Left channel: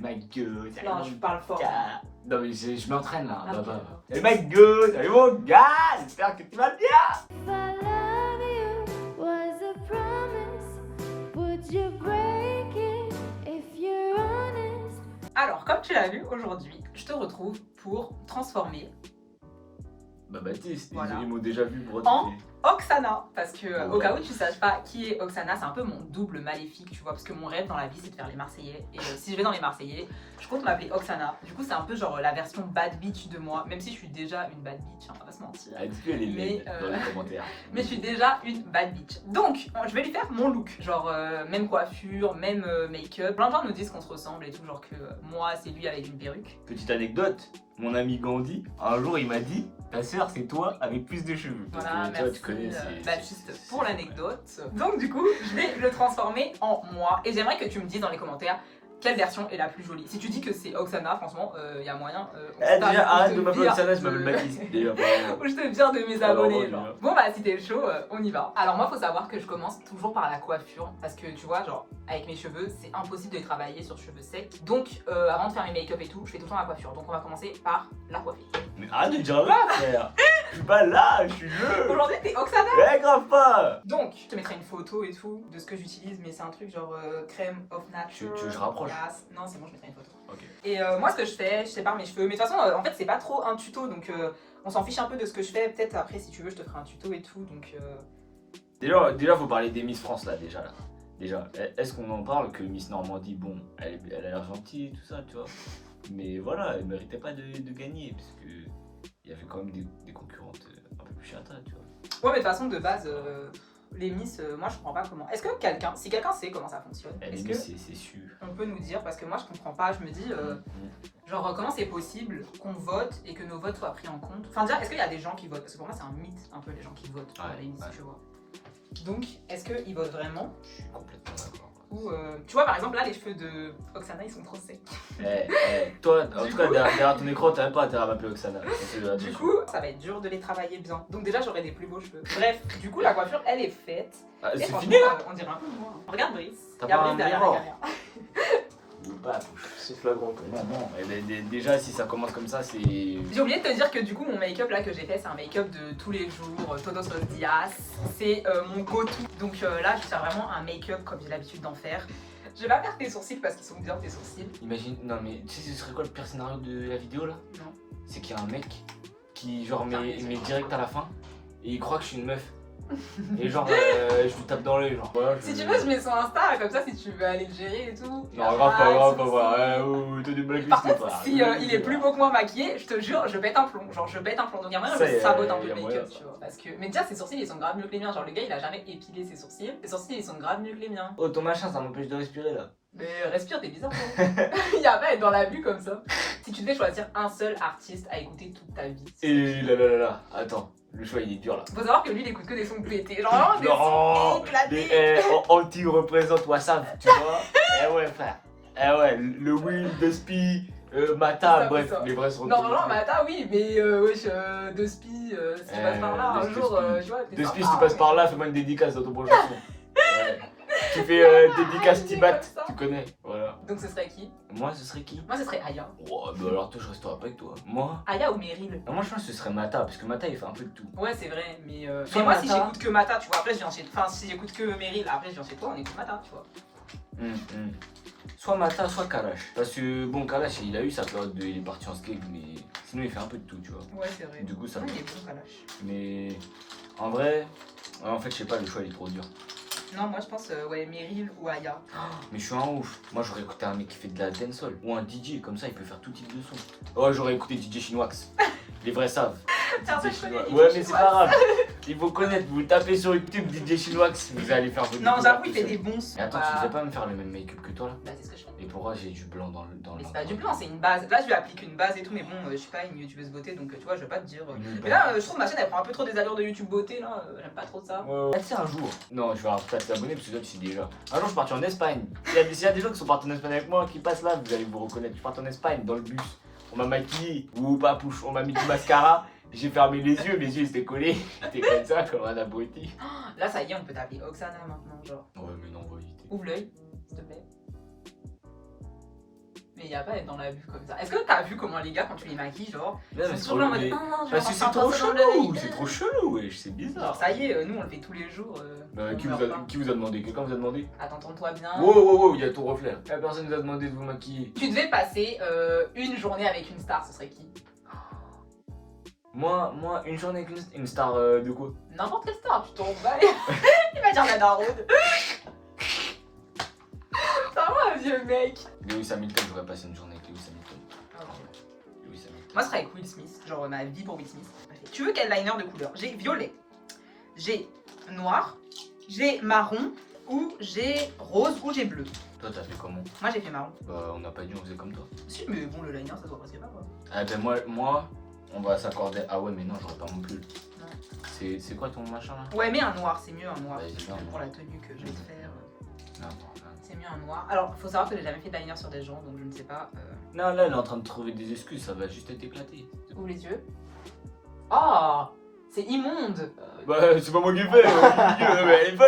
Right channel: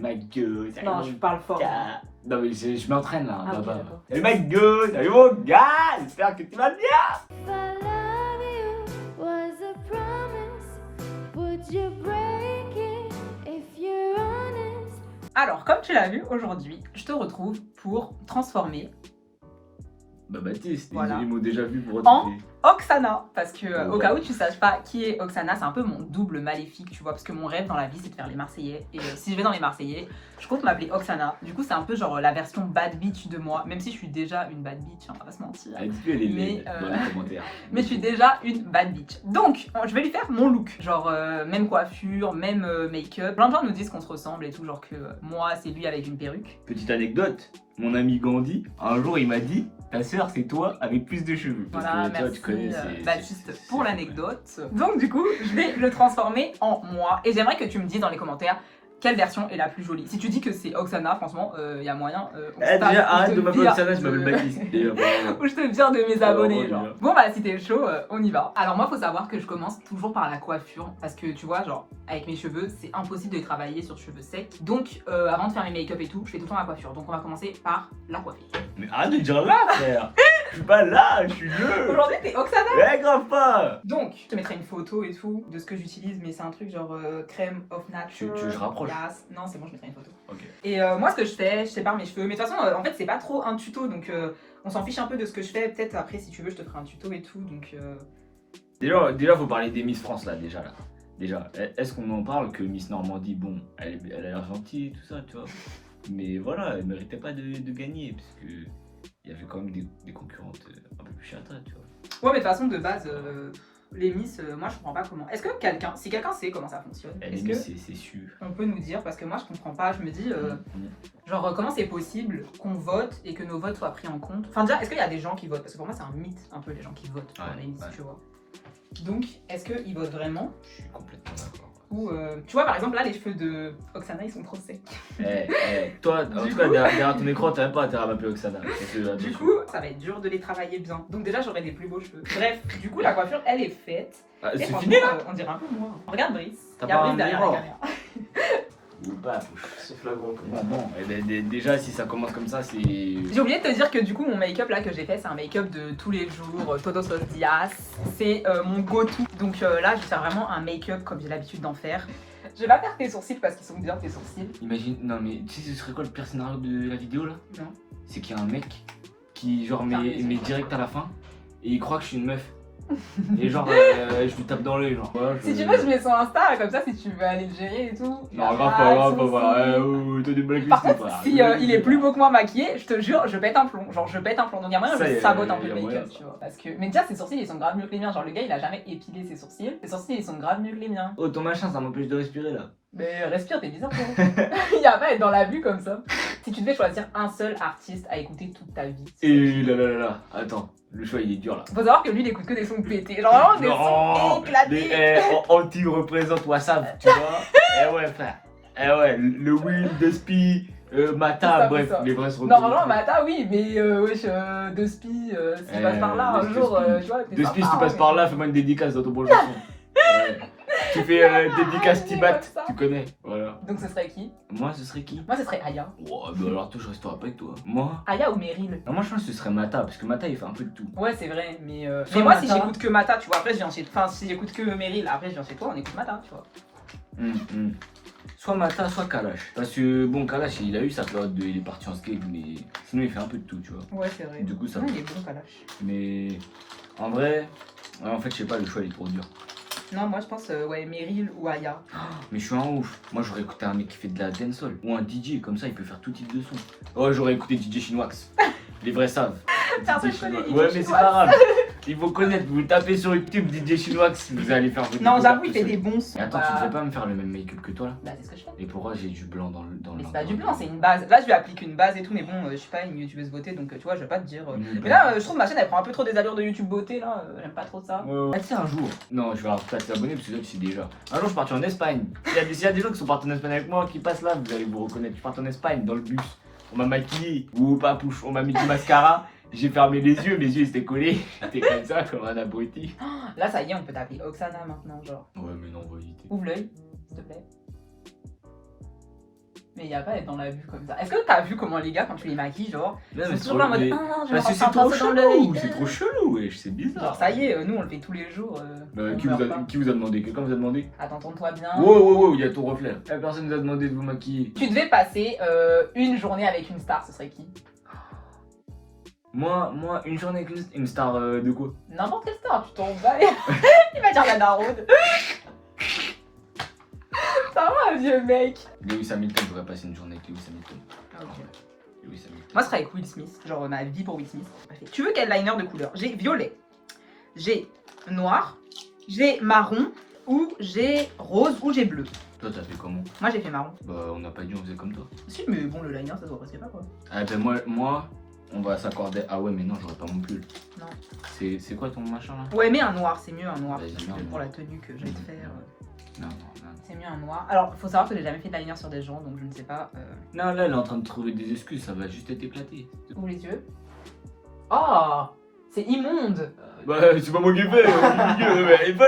my god, salut Non, mon je parle fort. gars. Non mais je m'entraîne là, Ah, papa. ok, d'accord. Salut my god, salut mon gars, j'espère que tu vas bien. If I love you was a promise, would you break it if you're honest? Alors, comme tu l'as vu aujourd'hui, je te retrouve pour transformer Bah Baptiste, Voilà. ils m'ont déjà vu pour En- retrouver. Oksana, parce que au Ouais. cas où tu saches pas qui est Oksana, c'est un peu mon double maléfique, tu vois, parce que mon rêve dans la vie c'est de faire les Marseillais, et si je vais dans les Marseillais, je compte m'appeler Oksana. Du coup c'est un peu genre la version bad bitch de moi, même si je suis déjà une bad bitch, hein, on va pas se mentir. Ah, dis-lui, elle est Mais, laide dans les commentaires. Mais je suis déjà une bad bitch. Donc, je vais lui faire mon look. Genre, même coiffure, même make-up. Plein de gens nous disent qu'on se ressemble et tout. Genre que moi, c'est lui avec une perruque. Petite anecdote, mon ami Gandhi, un jour il m'a dit ta sœur c'est toi avec plus de cheveux. Parce Voilà, que, tu vois, merci tu connais, Baptiste pour l'anecdote. Donc, du coup, je vais le transformer en moi. Et j'aimerais que tu me dises dans les commentaires quelle version est la plus jolie. Si tu dis que c'est Oksana, franchement, il y a moyen. On se tape, déjà, ou je arrête te de m'appeler vire Oksana, je m'appelle Baptiste. Déjà, vraiment. Ou je te vire de mes Alors, abonnés, on y genre. va. Bon bah si t'es chaud, on y va. Alors moi faut savoir que je commence toujours par la coiffure parce que tu vois genre avec mes cheveux c'est impossible de travailler sur cheveux secs. Donc avant de faire mes make-up et tout, je fais tout le temps la coiffure. Donc on va commencer par la coiffure. Mais arrête de dire là, frère. Je suis pas là, je suis le. Aujourd'hui t'es Oksana. Ouais, grave pas. Donc je te mettrai une photo et tout de ce que j'utilise mais c'est un truc genre crème of nature. Tu veux que je rapproche? Yes. Non c'est bon je mettrai une photo. Ok. Et moi ce que je fais, je sépare mes cheveux. Mais de toute façon en fait c'est pas trop un tuto donc on s'en fiche un peu de ce que je fais. Peut-être après si tu veux je te ferai un tuto et tout donc... Déjà, faut parler des Miss France là, déjà là. Déjà, est-ce qu'on en parle que Miss Normandie, bon, elle a l'air gentille, tout ça, tu vois. Mais voilà, elle méritait pas de gagner, parce que il y avait quand même des concurrentes un peu plus chata, tu vois. Ouais, mais de toute façon, de base, les Miss, moi je comprends pas comment. Est-ce que si quelqu'un sait comment ça fonctionne, Elle est-ce est que Miss, c'est sûr. on peut nous dire? Parce que moi je comprends pas, je me dis, genre, comment c'est possible qu'on vote et que nos votes soient pris en compte? Enfin, déjà, est-ce qu'il y a des gens qui votent? Parce que pour moi, c'est un mythe, un peu, les gens qui votent pour Ouais, les Miss, ouais. tu vois. Donc, est-ce qu'ils votent vraiment? Je suis complètement d'accord. Ou, tu vois, par exemple, là, les cheveux de Oksana, ils sont trop secs. Toi, en Du tout cas, coup- derrière ton écran, t'as même pas intérêt à m'appeler Oksana. Du coup, ça va être dur de les travailler bien. Donc, déjà, j'aurai des plus beaux cheveux. Bref, du coup, la coiffure, elle est faite. Ah, Et c'est franchement, fini là? on dirait un peu moi. Regarde Brice. T'as Il y a pas Brice un derrière la miroir? caméra. Ou pas? C'est flagrant. Non, et ben, déjà, si ça commence comme ça, c'est. J'ai oublié de te dire que du coup mon make-up là que j'ai fait c'est un make-up de tous les jours, Todos los días, c'est mon go-to. Donc là je vais faire vraiment un make-up comme j'ai l'habitude d'en faire. Je vais pas faire tes sourcils parce qu'ils sont bien tes sourcils. Imagine, non mais tu sais ce serait quoi le pire scénario de la vidéo là? Non. C'est qu'il y a un mec qui genre Putain, met mais direct à la fin et il croit que je suis une meuf. Et genre je lui tape dans l'œil genre. Voilà, Si tu veux je mets son Insta comme ça si tu veux aller le gérer et tout. Non, Y a grave pas pas, de grave pas, soucis. ouais, t'as des blagues Par c'est contre, pas. si il est plus beau que moi maquillé, je te jure, je pète un plomb. Genre, je pète un plomb. Donc, il y a moyen que Ça, je y a- sabote un y peu a le moyen. make-up, tu vois. Parce que... Mais déjà, ses sourcils, ils sont grave mieux que les miens. Genre, le gars, il a jamais épilé ses sourcils. Ses sourcils, ils sont grave mieux que les miens. Oh ton machin ça m'empêche de respirer là. Mais respire, t'es bizarre, gros. Il y a pas être dans la vue comme ça. Si tu devais choisir un seul artiste à écouter toute ta vie. Et là, attends, le choix il est dur là. Faut savoir que lui, il écoute que des sons pétés. Genre, vraiment des sons éclatés. Anti représente Wassab, tu vois. Eh ouais frère. Eh ouais, le Will, Despy, Mata, Ça, bref, ça. les vrais se Normalement, Mata, oui, mais wesh, de spi, si tu passes par là un Despy, jour, Despy. tu vois. t'es Despy, si sympa, tu passes mais- par là, fais-moi une dédicace dans ton prochain son. Ouais. Tu fais dédicace arrête, Tibat, comme ça. tu connais, voilà. Donc, ce serait qui? Moi, ce serait qui? Moi, ce serait Aya. Oh, bah alors toi, je resterai pas avec toi. Moi Aya ou Meryl? moi, je pense que ce serait Mata, parce que Mata, il fait un peu de tout. Ouais, c'est vrai, mais. Soit Mais moi, si Mata. j'écoute que Mata, tu vois, après, je viens chez. Enfin, si j'écoute que Meryl, après, je viens chez toi, on écoute Mata, tu vois. Soit Mata, soit Kalash. Parce que, bon, Kalash, il a eu sa période de. Il est parti en skate, mais sinon, il fait un peu de tout, tu vois. Ouais, c'est vrai. Du coup, ça Ouais, va. il est bon, Kalash. Mais en vrai, en fait, je sais pas, le choix il est trop dur. Non, moi, je pense, ouais, Meryl ou Aya. Mais je suis un ouf. Moi, j'aurais écouté un mec qui fait de la dancehall ou un DJ, comme ça, il peut faire tout type de son. Ouais, j'aurais écouté DJ Chinoax. Les vrais savent. Personne DJ connaît Chinoax. DJ Ouais, mais c'est Chinoax. pas grave. Il faut connaître. Vous tapez sur YouTube DJ Chinoax, vous allez faire votre Non, découverte j'avoue, il tout fait seul. des bons sons. Et attends, Bah, tu devrais pas me faire le même make-up que toi là? Bah, c'est ce que je fais. Et pourquoi j'ai du blanc dans le. Mais c'est pas du blanc, c'est une base. Là, je lui applique une base et tout, mais bon, je suis pas une youtubeuse beauté, donc tu vois, je vais pas te dire. Mais là, je trouve ma chaîne, elle prend un peu trop des allures de YouTube beauté, là. J'aime pas trop ça. Ouais. Tu sais, un jour, non, je vais pas t'abonner parce que toi tu sais déjà. Un jour, je suis parti en Espagne. S'il y a des gens qui sont partis en Espagne avec moi qui passent là, vous allez vous reconnaître. Je suis parti en Espagne dans le bus. On m'a maquillé, ou pas pouche, on m'a mis du mascara. J'ai fermé les yeux, mes yeux ils étaient collés. J'étais comme ça, comme un abruti. Là, ça y est, on peut t'appeler Oksana maintenant, genre. Ouais, mais non, on va éviter. Ouvre l'œil, s'il te plaît. Mais il y a pas à être dans la vue comme ça. Est-ce que t'as vu comment les gars, quand tu les maquilles, genre, Là, ils mais sont c'est toujours là en trop- mode mais- ah non, je vais Parce que enfin c'est trop passer dans chelou, l'œil. c'est trop chelou, wesh, c'est bizarre. Genre, ça y est, nous on le fait tous les jours. Bah, on qui, meurt vous pas. a, qui vous a demandé? Quelqu'un vous a demandé? Attends, tourne-toi bien. Wow, il y a ton reflet. La personne nous a demandé de vous maquiller. Tu devais passer une journée avec une star, ce serait qui? Moi, une journée avec une star de quoi? N'importe quelle star, tu t'en bats. Il va dire la daronde. C'est vraiment un vieux mec. Lewis Hamilton, j'aurais passé une journée avec Lewis Hamilton. Ah Ouais, Lewis Hamilton. Moi, ce serait avec Will Smith, genre ma vie pour Will Smith. Tu veux quel liner de couleur? J'ai violet, j'ai noir, j'ai marron, ou j'ai rose, ou j'ai bleu. Toi, t'as fait comment? Moi, j'ai fait marron. Bah, on n'a pas dit on faisait comme toi. Si, mais bon, le liner, ça se voit presque pas, quoi. Ah, ben moi, on va s'accorder. Ah ouais, mais non, j'aurais pas mon pull. Non. C'est quoi ton machin là? Ouais, mais un noir, c'est mieux un noir. Vas-y, parce mets un que pour noir. la tenue que je vais te faire, Non. c'est mieux un noir. Alors, faut savoir que j'ai jamais fait de liner sur des gens, donc je ne sais pas. Non, là, elle est en train de trouver des excuses, ça va juste être éclaté. Ouvre les yeux. Oh, c'est immonde. Bah, c'est pas moi qui ai fait, mais elle est pas,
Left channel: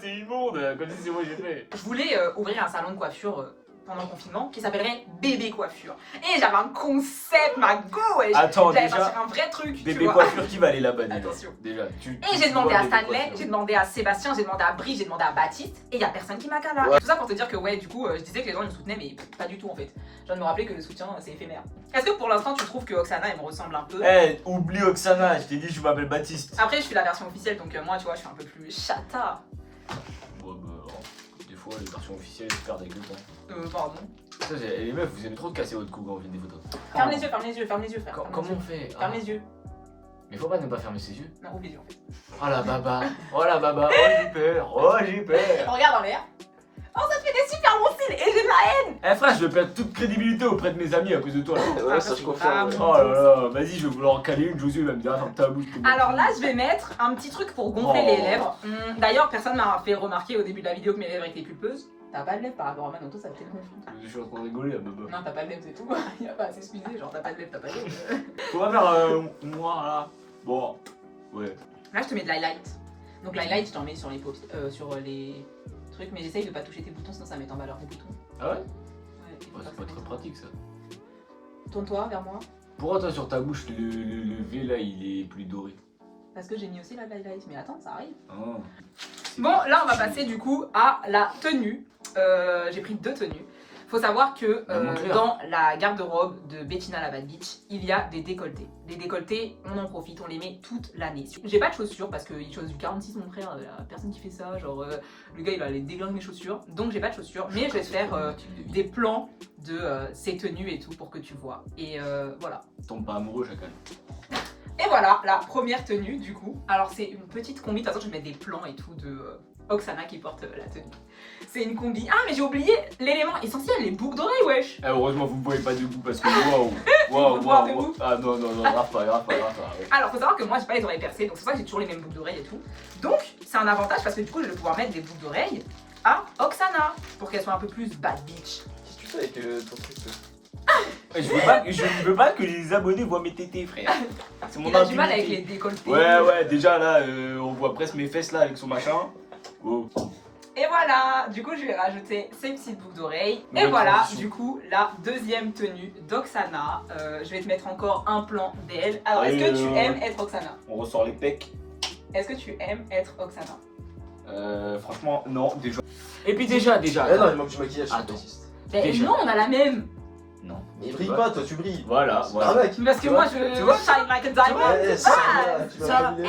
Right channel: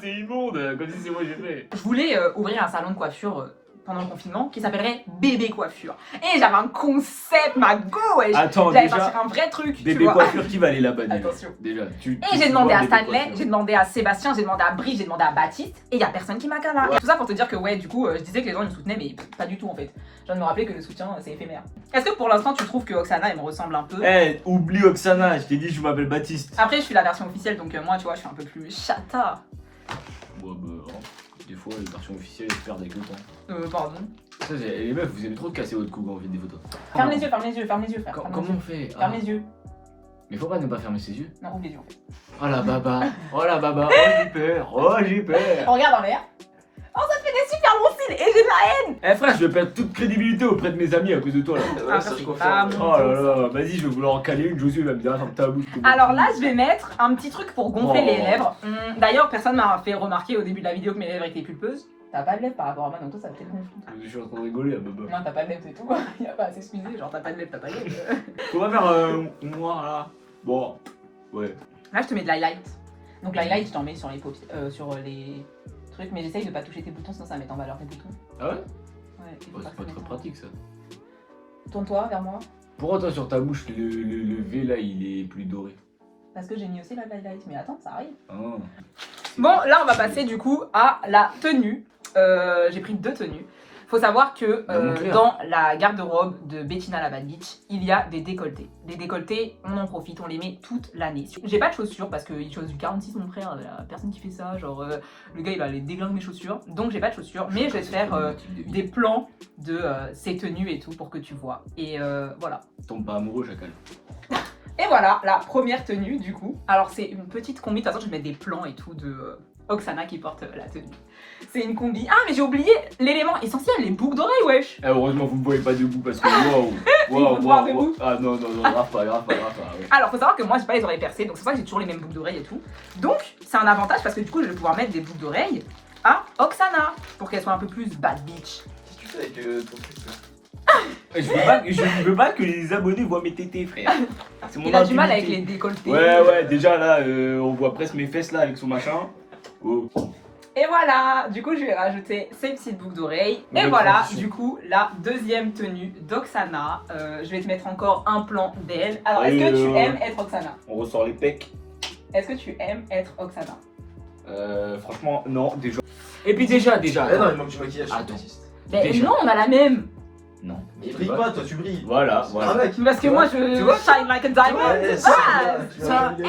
c'est immonde, comme si c'est moi qui ai fait. Je voulais ouvrir un salon de coiffure pendant le confinement qui s'appellerait Bébé Coiffure. Et j'avais un concept, ma go, ouais. Attends, J'allais déjà, sortir un vrai truc, tu bébé vois. coiffure, qui va aller là-bas déjà? Attention. Déjà, Et j'ai demandé à Stanley, j'ai demandé à Sébastien, j'ai demandé à Brie, j'ai demandé à Baptiste, et il y a personne qui m'a cala. Et tout ça pour te dire que ouais, du coup, je disais que les gens me soutenaient, mais pas du tout en fait. Je viens de me rappeler que le soutien, c'est éphémère. Est-ce que pour l'instant, tu trouves que Oksana, elle me ressemble un peu? Eh, oublie Oksana, je t'ai dit, je m'appelle Baptiste. Après, je suis la version officielle, donc moi, tu vois, je suis un peu plus chata. Bon, bah, des fois, les versions officielles, elles se perdent avec le temps. Pardon. Ça, les meufs, vous aimez trop casser votre cou quand vous faites des photos. Ferme les yeux, ferme les yeux, ferme les yeux, frère. Ferme les Comment yeux. on fait? Ferme les yeux. Mais faut pas ne pas fermer ses yeux. Non, ouvre les yeux. Oh la baba, oh j'ai peur, oh j'ai peur. On regarde en l'air. Oh, ça te fait des super bons cils et j'ai de la haine. Eh frère, je vais perdre toute crédibilité auprès de mes amis à cause de toi là. Ah, ça, ça, je c'est confirme. pas Oh mon là tour. là, vas-y, je vais vouloir en caler une, Josué va me dire, ferme ta bouche. Alors là, je vais mettre un petit truc pour gonfler Oh. les lèvres. D'ailleurs, personne m'a fait remarquer au début de la vidéo que mes lèvres étaient pulpeuses. T'as pas de lèvres par rapport à moi, donc toi, ça te fait gonfler. Je suis en train de rigoler là, baba. Non, t'as pas de lèvres, c'est tout. Y a pas à s'excuser, genre t'as pas de lèvres, t'as pas de lèvres. On va faire noir là. Bon, ouais. Là, je te mets de l'highlight. Donc l'highlight, je t'en mets sur les paupières, sur les trucs, mais j'essaye de pas toucher tes boutons, sinon ça met en valeur tes boutons. Ah ouais? Ouais, Ouais, c'est pas très pratique ça. Tourne-toi vers moi, Pourquoi toi sur ta bouche, le V là, il est plus doré? parce que j'ai mis aussi la highlight. Mais attends, ça arrive. Ah. Bon, là, on va passer du coup à la tenue. J'ai pris 2 tenues. Faut savoir que Bah, montre-les. dans la garde-robe de Bettina la Bad Bitch, il y a des décolletés. Les décolletés, on en profite, on les met toute l'année. J'ai pas de chaussures parce qu'il chose du 46, mon frère, y a personne qui fait ça. Genre, le gars il va aller déglinguer mes chaussures. Donc, j'ai pas de chaussures, mais je vais te faire des plans de ces tenues et tout pour que tu vois. Et voilà. Tombe pas amoureux, chacal. Et voilà la première tenue du coup. Alors c'est une petite combi, de toute façon je vais mettre des plans et tout de Oksana qui porte la tenue. C'est une combi. Ah mais j'ai oublié l'élément essentiel, les boucles d'oreilles wesh. Eh, heureusement, vous me voyez pas debout parce que waouh, faut te voir debout. Ah non, grave pas, ouais. Alors faut savoir que moi j'ai pas les oreilles percées, donc c'est pour ça que j'ai toujours les mêmes boucles d'oreilles et tout. Donc c'est un avantage parce que du coup je vais pouvoir mettre des boucles d'oreilles à Oksana pour qu'elle soit un peu plus bad bitch. Qu'est-ce que tu fais avec ton truc là? Je veux pas que les abonnés voient mes tétés, frère. C'est mon Il a du mal avec intimité. les décolletés. Ouais, déjà là, on voit presque mes fesses là avec son machin. Oh. Et voilà, du coup je vais rajouter ces petites boucles d'oreilles. Et Nouvelle voilà, transition. du coup, la deuxième tenue d'Oksana. Je vais te mettre encore un plan d'elle. Alors, est-ce que tu aimes être Oksana? On ressort les pecs. Est-ce que tu aimes être Oksana? Franchement, non, déjà. Et puis déjà, Ah non, attends. il manque du maquillage. Attends. Mais Déjà. non, on a la même. Non. Mais brille pas, toi tu brilles. Voilà. Arnaque. Parce que Tu moi, vois, je tu vois, shine like a diamond. Ouais, Ça, MDR.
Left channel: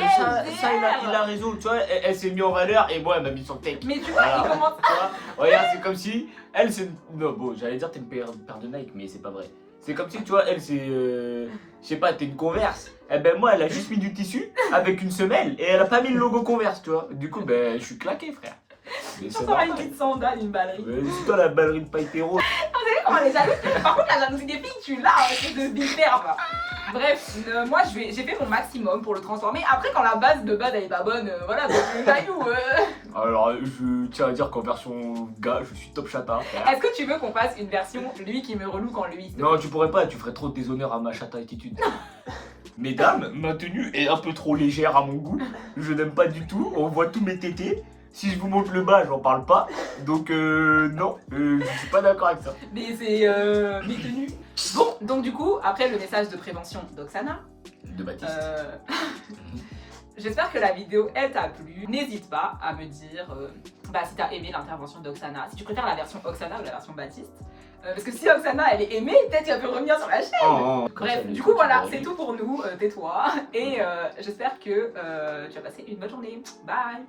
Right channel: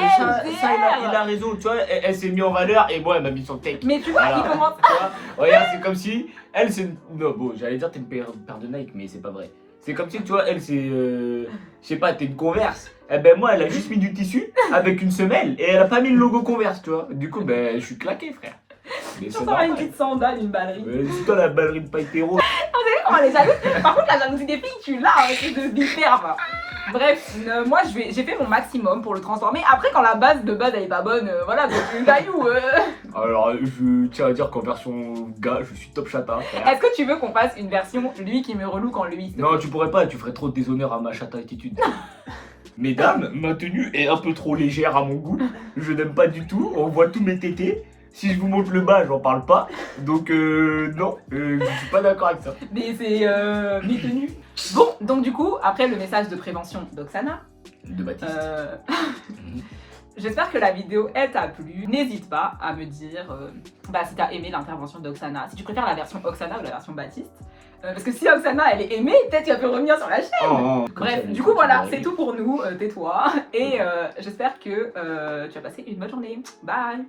il a raison, tu vois, elle s'est mise en valeur et moi elle m'a mis sur le tech. Mais tu vois, Voilà. il commence. Tu vois, regarde, c'est comme si elle c'est. Non, bon, j'allais dire t'es une paire de Nike, mais c'est pas vrai. C'est comme si, tu vois, elle c'est. Je sais pas, t'es une Converse. Eh ben moi, elle a juste mis du tissu avec une semelle et elle a pas mis le logo Converse, tu vois. Du coup, ben je suis claqué, frère. Mais Ça c'est sera une normal. petite sandale, une ballerine. Mais c'est toi la ballerine pailletero. Vous savez comment les jaloux? Par contre, la jalousie des filles, tu l'as avec de bifère. Bref, moi j'ai fait mon maximum pour le transformer. Après, quand la base de base elle est pas bonne, voilà, donc le caillou. Alors, je tiens à dire qu'en version gars, je suis top chata, frère. Est-ce que tu veux qu'on fasse une version lui qui me relook en lui? Non, tu pourrais pas, tu ferais trop de déshonneur à ma chata attitude. Mesdames, ma tenue est un peu trop légère à mon goût. Je n'aime pas du tout. On voit tous mes tétés. Si je vous montre le bas, j'en parle pas. Donc non, je suis pas d'accord avec ça. Mais c'est méconnu. Bon, donc du coup, après le message de prévention d'Oksana, De Baptiste. j'espère que la vidéo elle t'a plu. N'hésite pas à me dire si t'as aimé l'intervention d'Oksana, si tu préfères la version Oksana ou la version Baptiste. Parce que si Oksana elle est aimée, peut-être tu peux revenir sur la chaîne. Oh, Bref, du coup voilà, c'est tout pour nous, tais-toi. Et j'espère que tu as passé une bonne journée. Bye.